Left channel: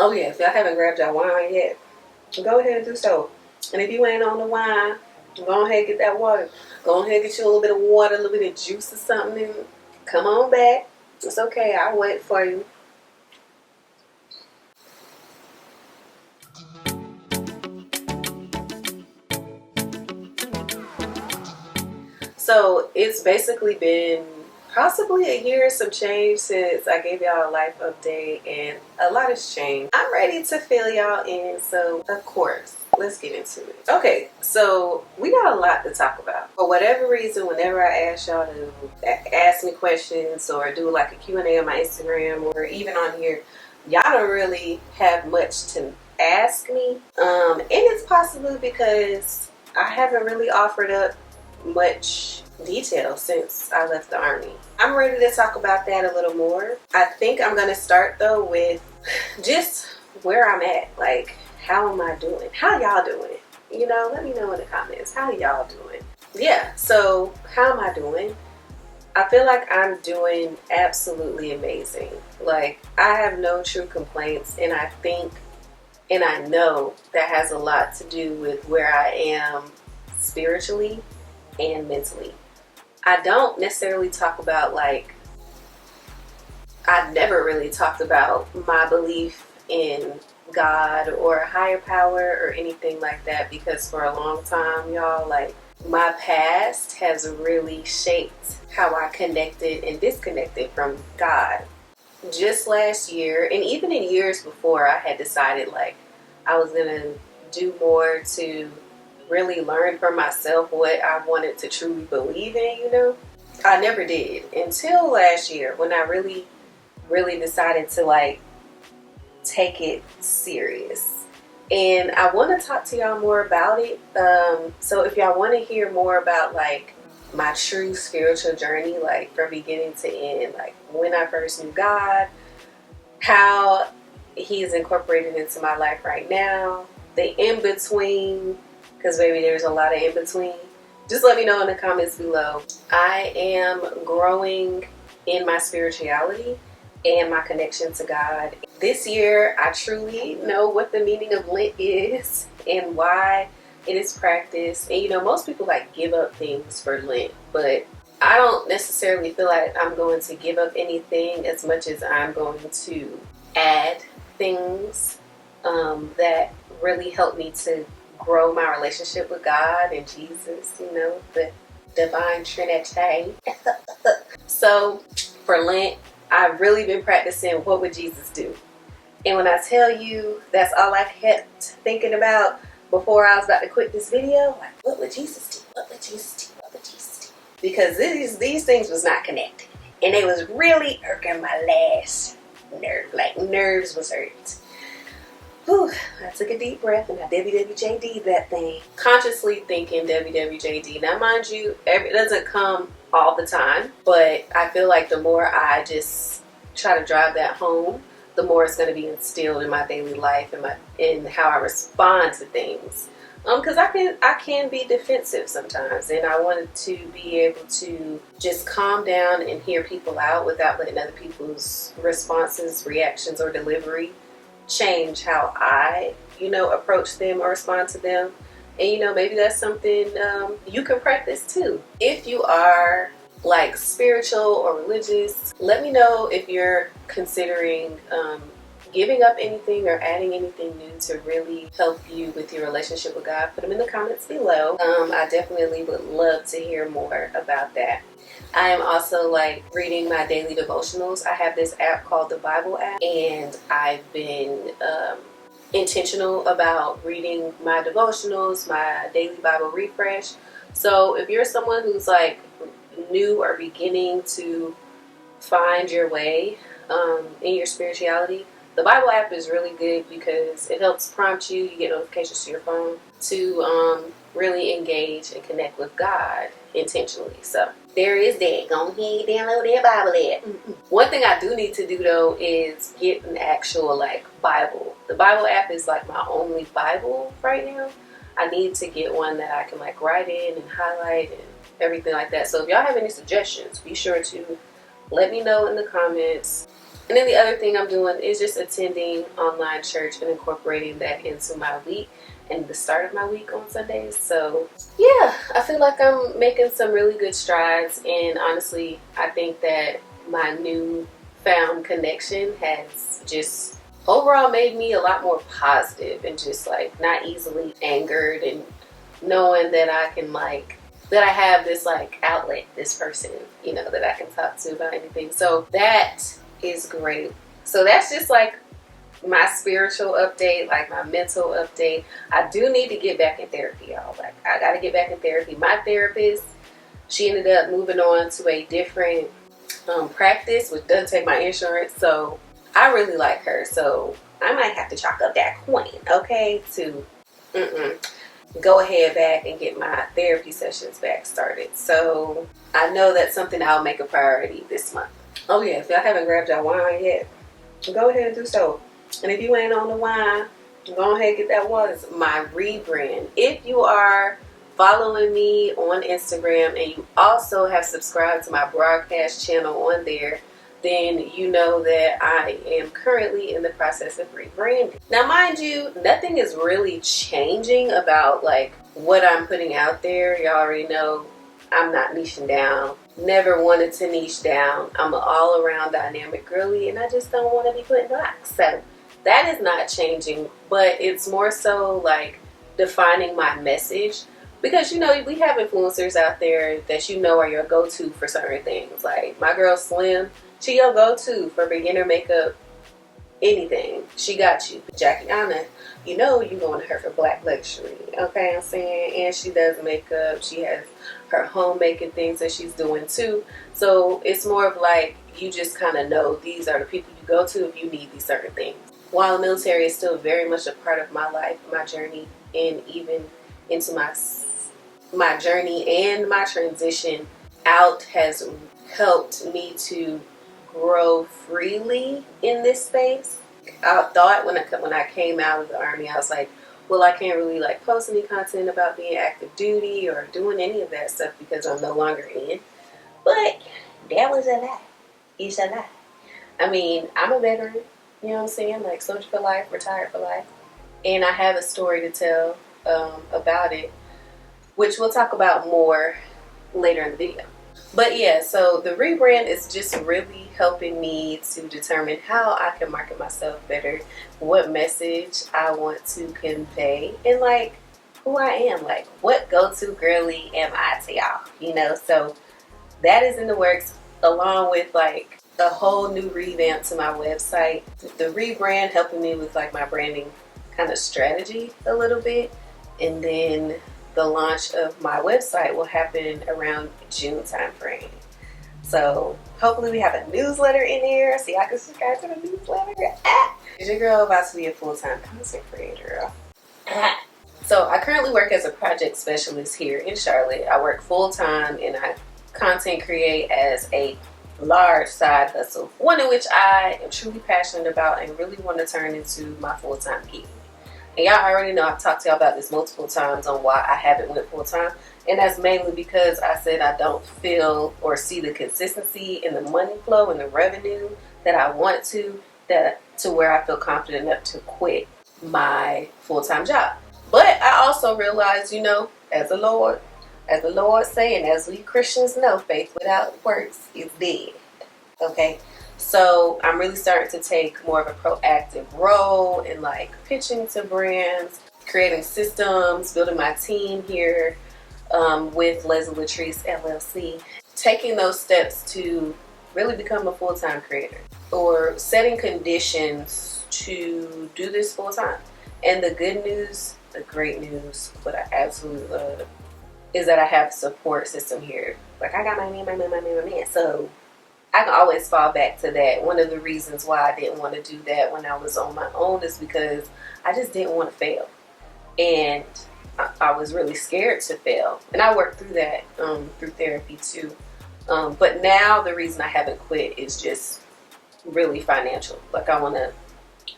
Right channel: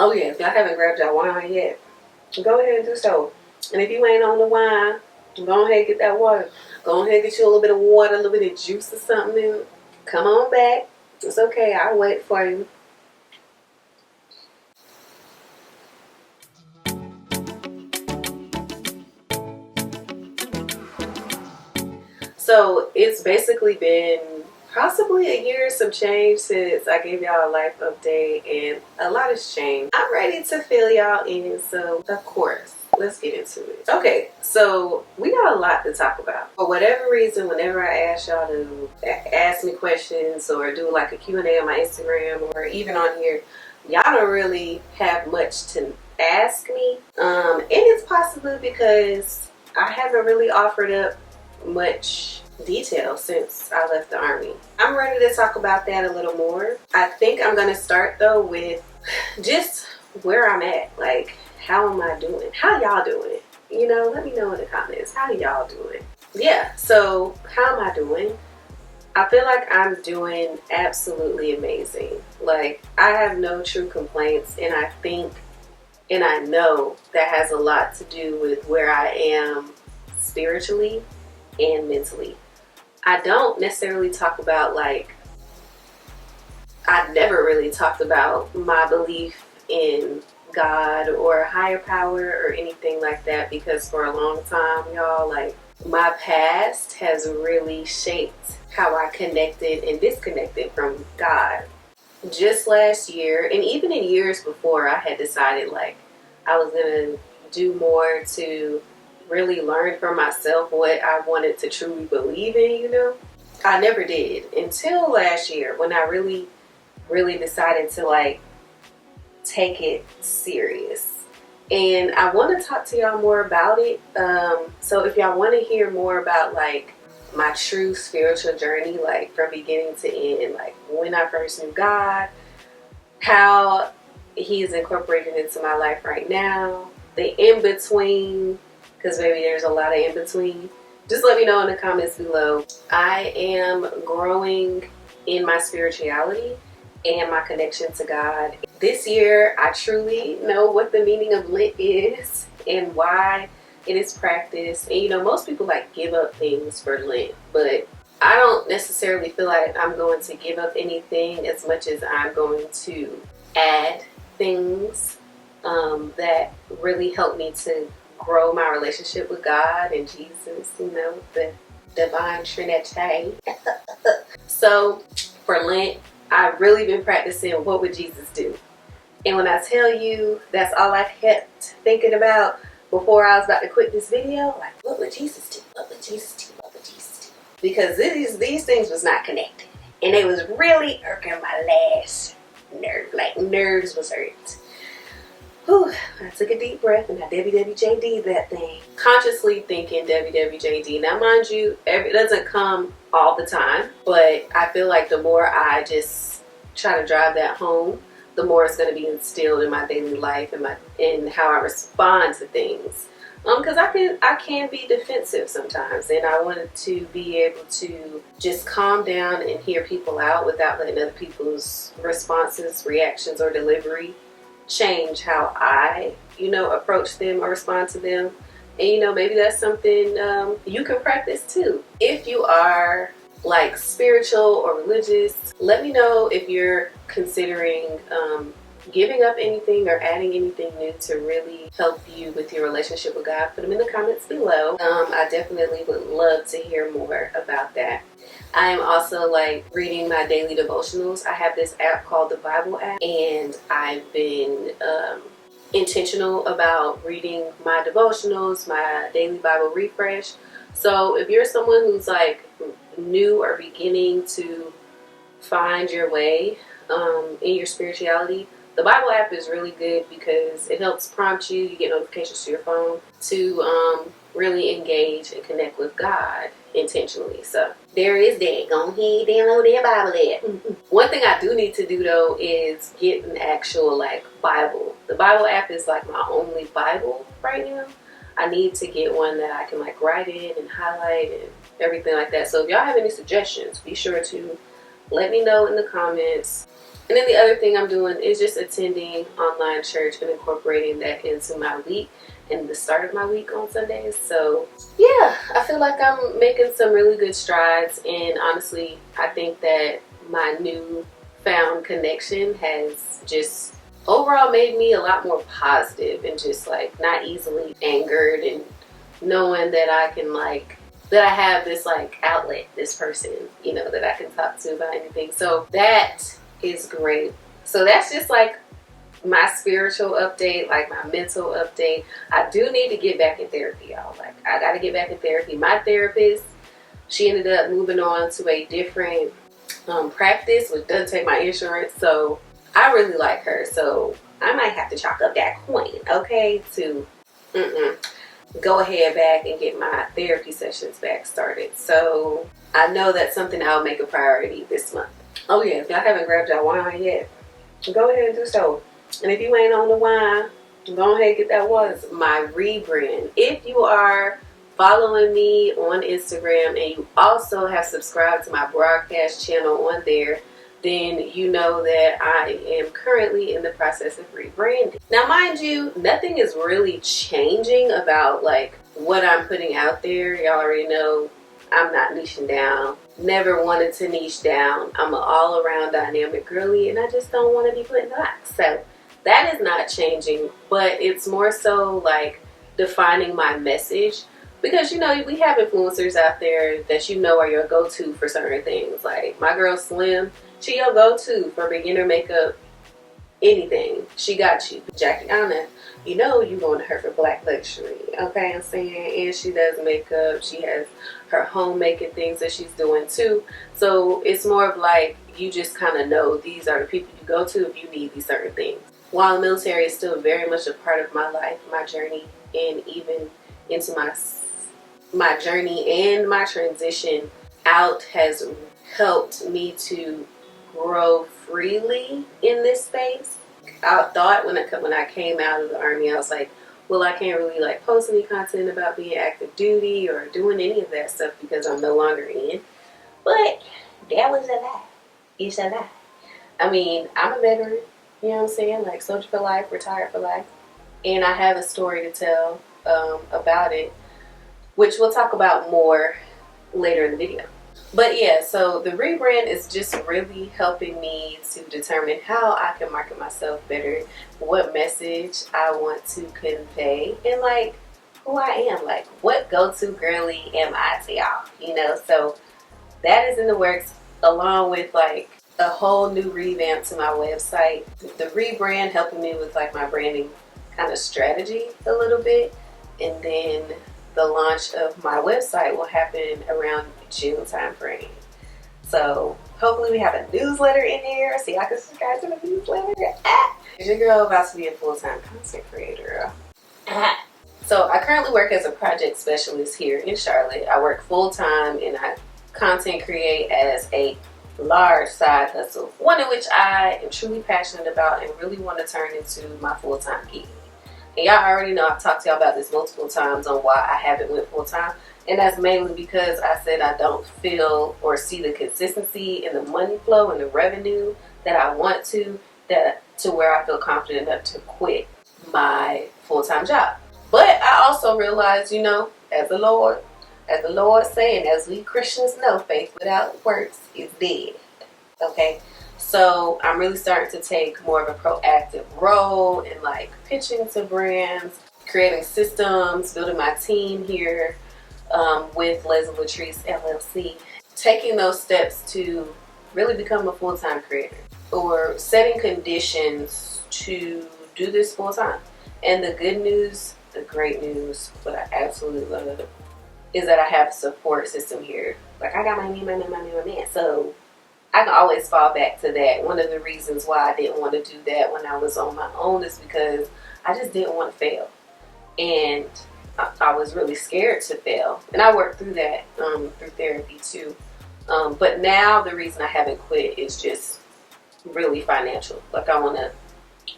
Oh yeah, if y'all haven't grabbed your wine yet, go ahead and do so. And if you ain't on the wine, go ahead and get that water. Go ahead and get you a little bit of water, a little bit of juice or something, and come on back. It's okay, I'll wait for you. So it's basically been possibly a year or some change since I gave y'all a life update, and a lot has changed. I'm ready to fill y'all in, so of course, let's get into it. Okay, so we got a lot to talk about. For whatever reason, whenever I ask y'all to ask me questions or do like a Q&A on my Instagram or even on here, y'all don't really have much to ask me. And it's possibly because I haven't really offered up much detail since I left the army. I'm ready to talk about that a little more. I think I'm gonna start though with just where I'm at. Like, how am I doing? How y'all doing? You know, let me know in the comments. How y'all doing? Yeah, so how am I doing? I feel like I'm doing absolutely amazing. Like, I have no true complaints, and I think and I know that has a lot to do with where I am spiritually and mentally. I don't necessarily talk about, like, I've never really talked about my belief in God or a higher power or anything like that, because for a long time, y'all, like, my past has really shaped how I connected and disconnected from God. Just last year, and even in years before, I had decided, like, I was gonna do more to really learn for myself what I wanted to truly believe in, you know? I never did until last year when I really decided to, like, take it serious. And I want to talk to y'all more about it. So if y'all want to hear more about, like, my true spiritual journey, like from beginning to end, like when I first knew God, how He's incorporated into my life right now, the in-between, because maybe there's a lot of in-between, just let me know in the comments below. I am growing in my spirituality and my connection to God. This year, I truly know what the meaning of Lent is and why it is practiced. And you know, most people like give up things for Lent, but I don't necessarily feel like I'm going to give up anything as much as I'm going to add things that really help me to grow my relationship with God and Jesus, you know, the divine Trinity. So for Lent, I've really been practicing what would Jesus do. And when I tell you that's all I kept thinking about before I was about to quit this video, like, what would Jesus do? What would Jesus do? What would Jesus do? Because these things was not connected. And it was really irking my last nerve. Like, nerves was hurt. Whew, I took a deep breath and I WWJD'd that thing. Consciously thinking WWJD. Now, mind you, it doesn't come all the time, but I feel like the more I just try to drive that home, the more it's going to be instilled in my daily life and in how I respond to things. Because I can be defensive sometimes, and I wanted to be able to just calm down and hear people out without letting other people's responses, reactions, or delivery change how I, you know, approach them or respond to them. And you know, maybe that's something you can practice too. If you are like spiritual or religious, let me know if you're considering giving up anything or adding anything new to really help you with your relationship with God. Put them in the comments below. I definitely would love to hear more about that. I am also like reading my daily devotionals. I have this app called the Bible app, and I've been intentional about reading my devotionals, my daily Bible refresh. So if you're someone who's like new or beginning to find your way in your spirituality, the Bible app is really good because it helps prompt you. You get notifications to your phone to really engage and connect with God intentionally. So there is that. Go ahead, download that Bible app. One thing I do need to do though is get an actual like Bible. The Bible app is like my only Bible right now. I need to get one that I can like write in and highlight and everything like that. So if y'all have any suggestions, be sure to let me know in the comments. And then the other thing I'm doing is just attending online church and incorporating that into my week and the start of my week on Sundays. So yeah, I feel like I'm making some really good strides, and honestly, I think that my new found connection has just overall made me a lot more positive and just like not easily angered, and knowing that I can that I have this outlet, this person, that I can talk to about anything. So that is great. So that's just my spiritual update, my mental update. I do need to get back in therapy, y'all. I got to get back in therapy. My therapist, she ended up moving on to a different practice, which doesn't take my insurance. So I really like her. So I might have to chalk up that coin, okay, to go ahead back and get my therapy sessions back started. So I know that's something I'll make a priority this month. Oh yeah, if y'all haven't grabbed your wine yet, go ahead and do so. And if you ain't on the wine, go ahead and get that water. My rebrand. If you are following me on Instagram and you also have subscribed to my broadcast channel on there, then you know that I am currently in the process of rebranding. Now, mind you, nothing is really changing about what I'm putting out there. Y'all already know I'm not niching down. Never wanted to niche down. I'm an all-around dynamic girly, and I just don't want to be put in a box. So that is not changing, but it's more so defining my message. Because, we have influencers out there that are your go-to for certain things. Like my girl Slim, she your go-to for beginner makeup, anything. She got you. Jackie Anna, you going to her for black luxury. Okay, I'm saying? And she does makeup. She has her homemaking things that she's doing too. So it's more of you just kind of know these are the people you go to if you need these certain things. While the military is still very much a part of my life, my journey, and even into my journey and my transition out has helped me to grow freely in this space. I thought when I came out of the Army, I was like, well, I can't really post any content about being active duty or doing any of that stuff because I'm no longer in. But that was a lie. It's a lie. I mean, I'm a veteran, you know what I'm saying? Soldier for life, retired for life. And I have a story to tell about it, which we'll talk about more later in the video. But yeah, so the rebrand is just really helping me to determine how I can market myself better, what message I want to convey, and who I am, what go-to girly am I to y'all, So that is in the works, along with a whole new revamp to my website. The rebrand helping me with my branding kind of strategy a little bit, and then the launch of my website will happen around June time frame. So hopefully we have a newsletter in here so y'all can subscribe to the newsletter. Is your girl about to be a full-time content creator? So I currently work as a project specialist here in Charlotte. I work full-time and I content create as a large side hustle, one in which I am truly passionate about and really want to turn into my full-time gig. And y'all already know I've talked to y'all about this multiple times on why I haven't went full-time. And that's mainly because I said I don't feel or see the consistency in the money flow and the revenue that I want to where I feel confident enough to quit my full-time job. But I also realize, as the Lord say, and as we Christians know, faith without works is dead. Okay? So I'm really starting to take more of a proactive role in pitching to brands, creating systems, building my team here with Leslie Latrice LLC, taking those steps to really become a full-time creator or setting conditions to do this full-time. And the good news, the great news, what I absolutely love is that I have a support system here. I got my man. So I can always fall back to that. One of the reasons why I didn't want to do that when I was on my own is because I just didn't want to fail. And I was really scared to fail. And I worked through that through therapy too. But now the reason I haven't quit is just really financial. I want to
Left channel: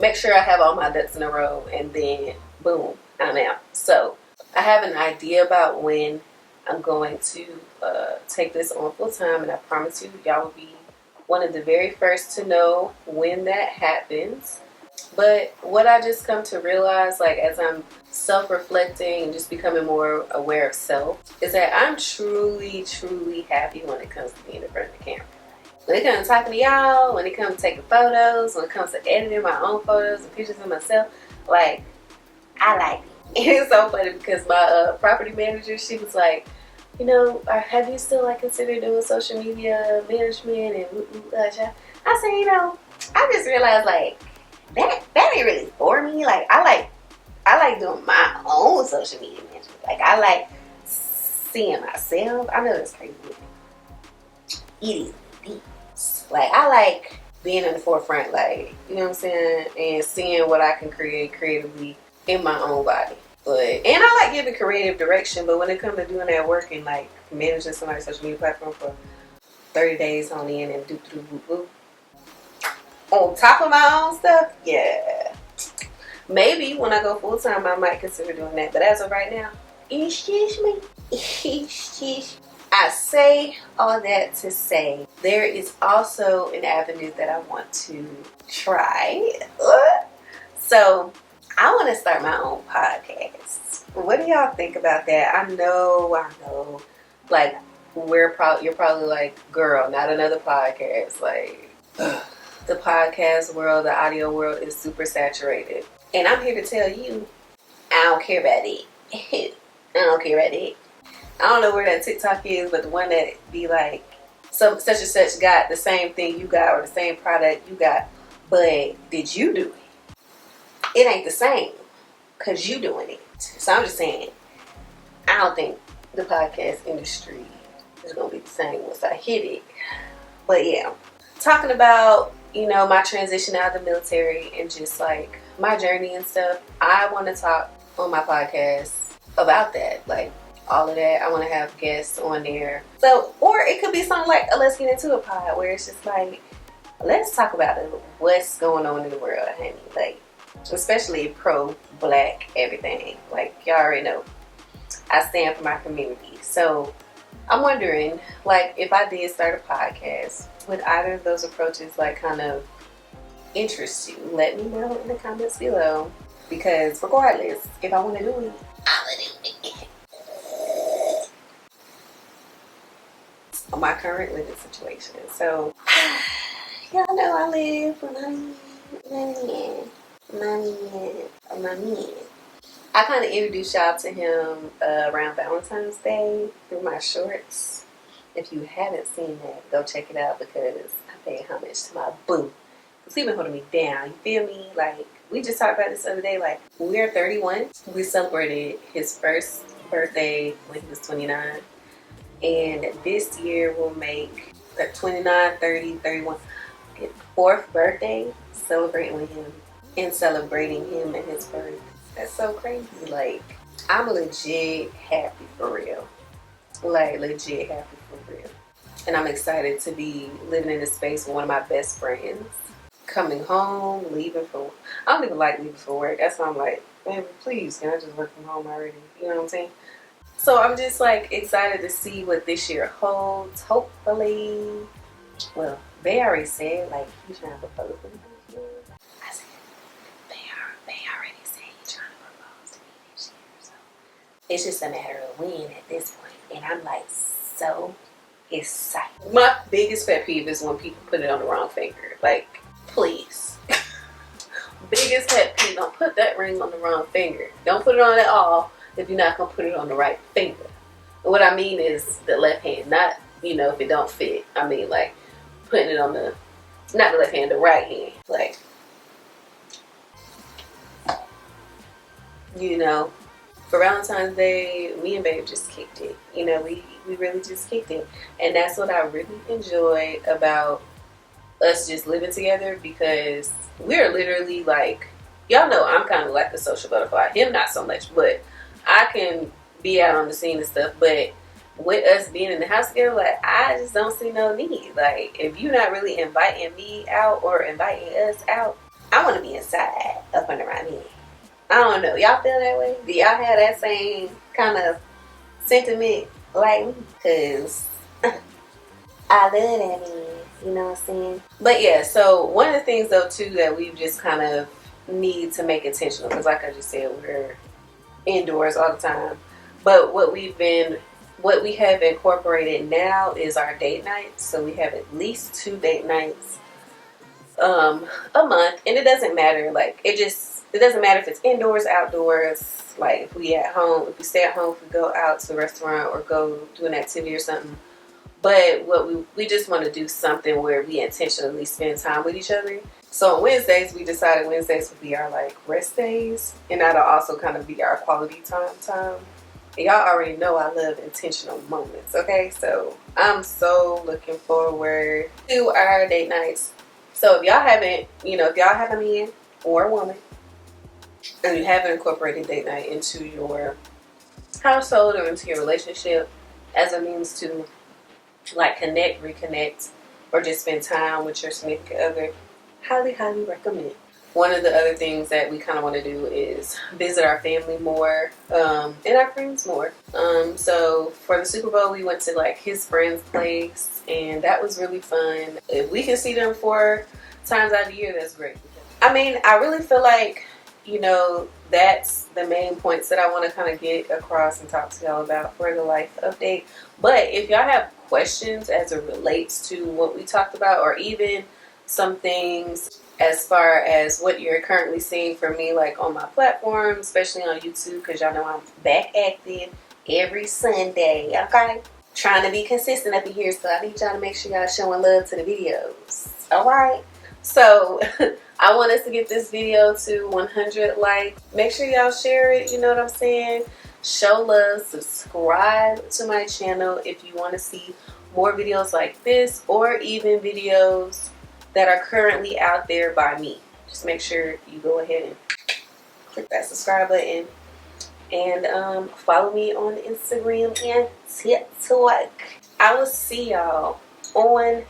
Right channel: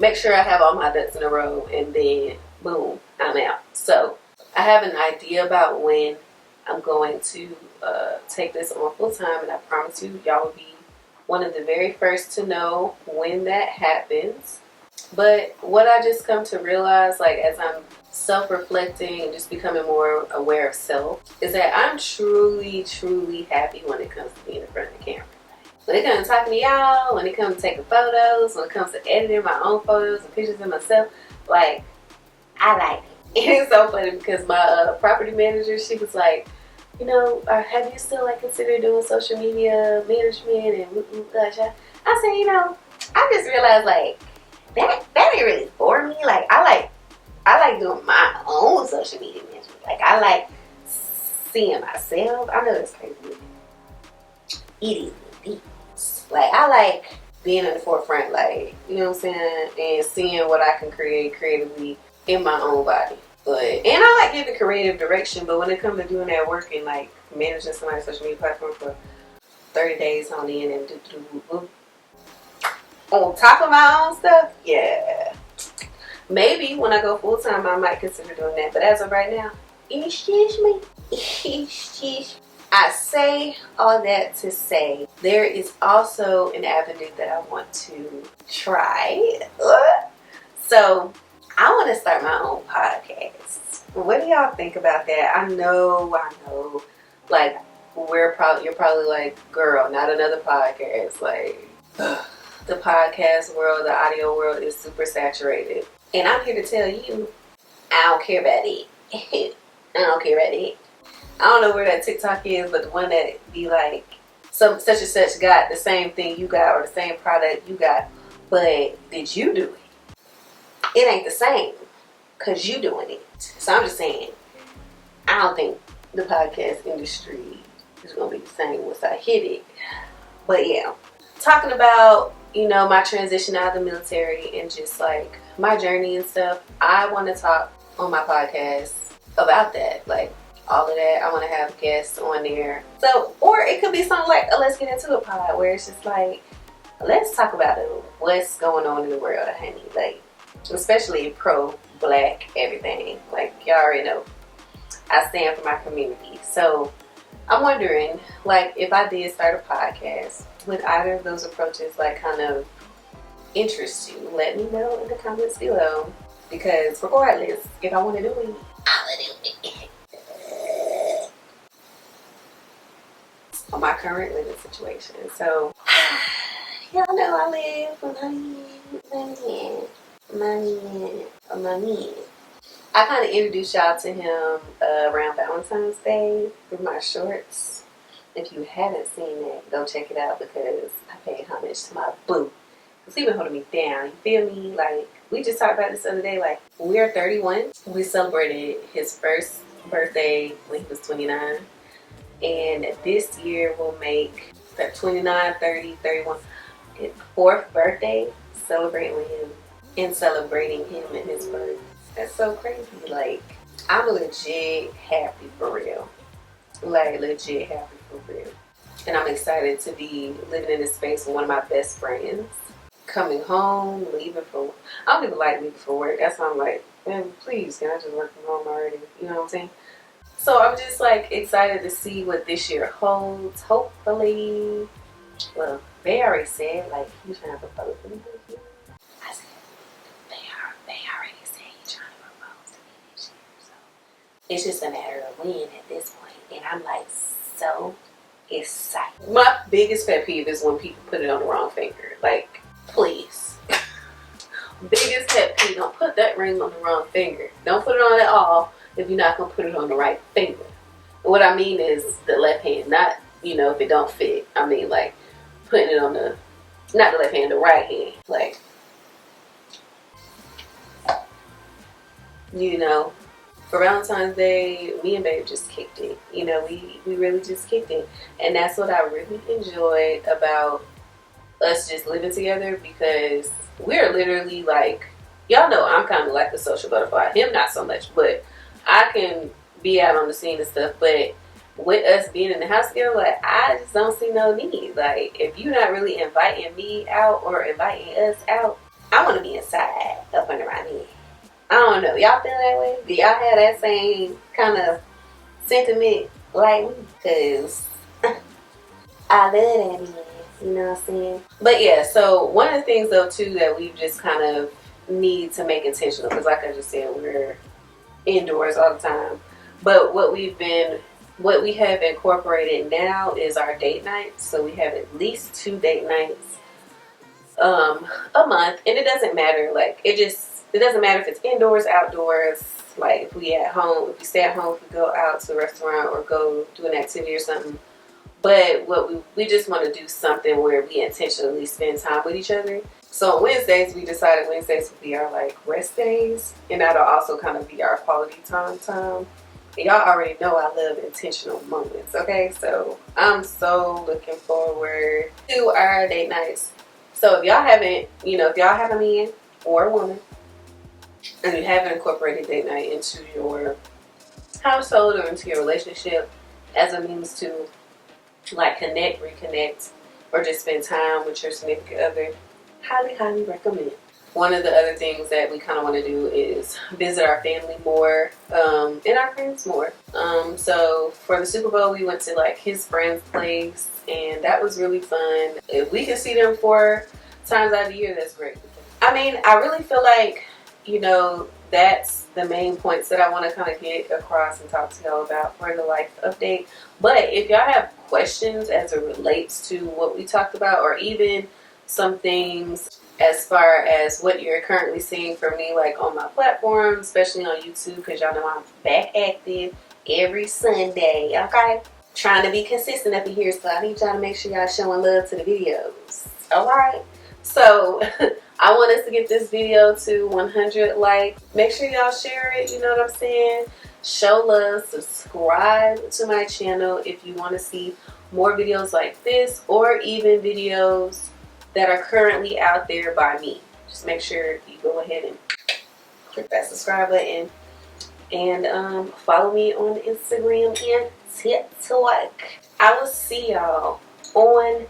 make sure I have all my ducks in a row and then boom, I'm out. So I have an idea about when I'm going to take this on full time, and I promise you, y'all will be one of the very first to know when that happens. But what I just come to realize, like, as I'm self-reflecting and just becoming more aware of self, is that I'm truly, truly happy when it comes to being in front of the camera. When it comes to talking to y'all, when it comes to taking photos, when it comes to editing my own photos and pictures of myself, like, I like it. It's so funny because my property manager, she was like, you know, have you still like considered doing social media management and I said, you know, I just realized like that ain't really for me. Like I like doing my own social media management. Like I like seeing myself. I know that's crazy. It is deep. Like I like being in the forefront, like, you know what I'm saying, and seeing what I can create creatively in my own body. And I like giving creative direction, but when it comes to doing that work and like managing somebody's social media platform for 30 days on end and on top of my own stuff, yeah. Maybe when I go full time, I might consider doing that. But as of right now, excuse me. I say all that to say there is also an avenue that I want to try. So I want to start my own podcast. What do y'all think about that? I know. Like, you're probably like, girl, not another podcast. Like, the podcast world, the audio world is super saturated. And I'm here to tell you, I don't care about it. I don't care about it. I don't know where that TikTok is, but the one that be like, such and such got the same thing you got or the same product you got, but did you do it? It ain't the same because you doing it. So I'm just saying, I don't think the podcast industry is going to be the same once I hit it. But yeah, talking about, you know, my transition out of the military and just like my journey and stuff, I want to talk on my podcast about that. Like all of that. I want to have guests on there. So, or it could be something like a Let's Get Into a pod where it's just like, let's talk about what's going on in the world, honey. Like, especially pro-black everything. Like, y'all already know, I stand for my community. So I'm wondering, like, if I did start a podcast, would either of those approaches like kind of interest you? Let me know in the comments below, because regardless, if I want to do it, I will do it. On my current living situation. So y'all know I live with my man. I kind of introduced y'all to him around Valentine's Day through my shorts. If you haven't seen that, go check it out because I paid homage to my boo. Because he been holding me down. You feel me? Like, we just talked about this the other day. Like, we are 31. We celebrated his first birthday when he was 29. And this year will make the 29, 30, 31, fourth birthday celebrating with him and celebrating him and his birth. That's so crazy. Like, I'm legit happy for real. Like, legit happy for real. And I'm excited to be living in this space with one of my best friends. Coming home, leaving for, I don't even like leaving for work. That's why I'm like, man, please, can I just work from home already? You know what I'm saying? So I'm just like excited to see what this year holds. Hopefully, well, they already said like he's trying to propose to me this year. I said they already said he's trying to propose to me this year. So it's just a matter of when at this point. And I'm like so excited. My biggest pet peeve is when people put it on the wrong finger. Like, please. Biggest pet peeve, don't put that ring on the wrong finger. Don't put it on at all if you're not going to put it on the right finger. What I mean is the left hand, not, you know, if it don't fit. I mean, like, putting it on the, not the left hand, the right hand. Like, you know, for Valentine's Day, me and Babe just kicked it. You know, we really just kicked it. And that's what I really enjoyed about us just living together, because we're literally like, y'all know I'm kind of like the social butterfly. Him not so much, but I can be out on the scene and stuff. But with us being in the house together, like, I just don't see no need. Like, if you're not really inviting me out or inviting us out, I want to be inside up under my bed. I don't know. Y'all feel that way? Do y'all have that same kind of sentiment like me? Because I love that man. You know what I'm saying? But yeah, so one of the things though too that we just kind of need to make intentional, because like I just said, we're indoors all the time. But what we have incorporated now is our date nights. So we have at least 2 date nights a month, and it doesn't matter. Like it doesn't matter if it's indoors, outdoors. Like if we at home, if we stay at home, if we go out to a restaurant or go do an activity or something. But what we just want to do something where we intentionally spend time with each other. So on Wednesdays, we decided Wednesdays would be our like rest days, and that'll also kind of be our quality time. And y'all already know I love intentional moments. Okay, so I'm so looking forward to our date nights. So if y'all haven't, if y'all have a man or a woman, and you haven't incorporated date night into your household or into your relationship as a means to like connect, reconnect, or just spend time with your significant other, highly, highly recommend. One of the other things that we kind of want to do is visit our family more and our friends more. So for the Super Bowl, we went to like his friend's place, and that was really fun. If we can see them 4 times out of the year, that's great. I mean, I really feel like, that's the main points that I want to kind of get across and talk to y'all about for the life update. But if y'all have questions as it relates to what we talked about, or even some things as far as what you're currently seeing from me, like on my platform, especially on YouTube, because y'all know I'm back active every Sunday, okay? Trying to be consistent up in here, so I need y'all to make sure y'all showing love to the videos, alright? So I want us to get this video to 100 likes. Make sure y'all share it, you know what I'm saying? Show love, subscribe to my channel if you want to see more videos like this, or even videos that are currently out there by me. Just make sure you go ahead and click that subscribe button, and follow me on Instagram and TikTok. I will see y'all on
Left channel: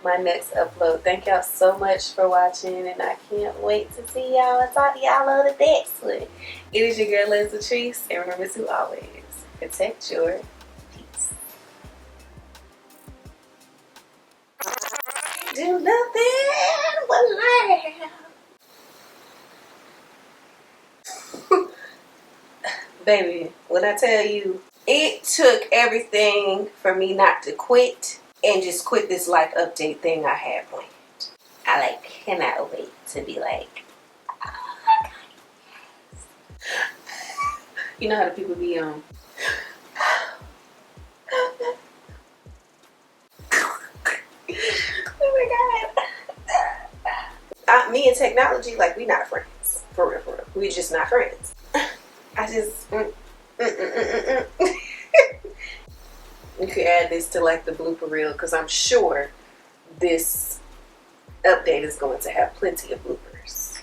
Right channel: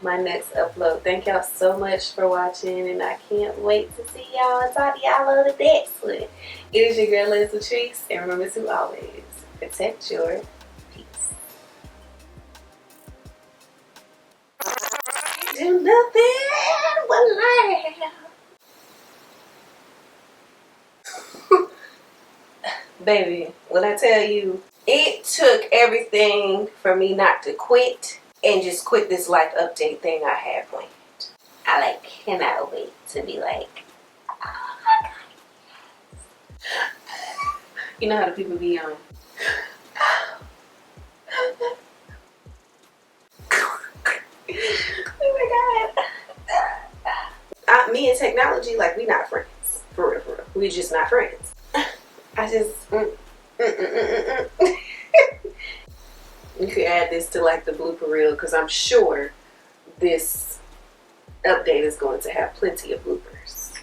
my next upload. Thank y'all so much for watching, and I can't wait to see y'all and talk to y'all on the next one. It is your girl Leslie Latrice, and remember to always protect your peace. Do nothing but laugh. Baby, when I tell you, it took everything for me not to quit and just quit this life update thing I had planned. I cannot wait to be like, oh my God. You know how the people be on. Oh my God. Me and technology, we not friends. For real, for real. We just not friends. I just, You could add this to the blooper reel, because I'm sure this update is going to have plenty of bloopers.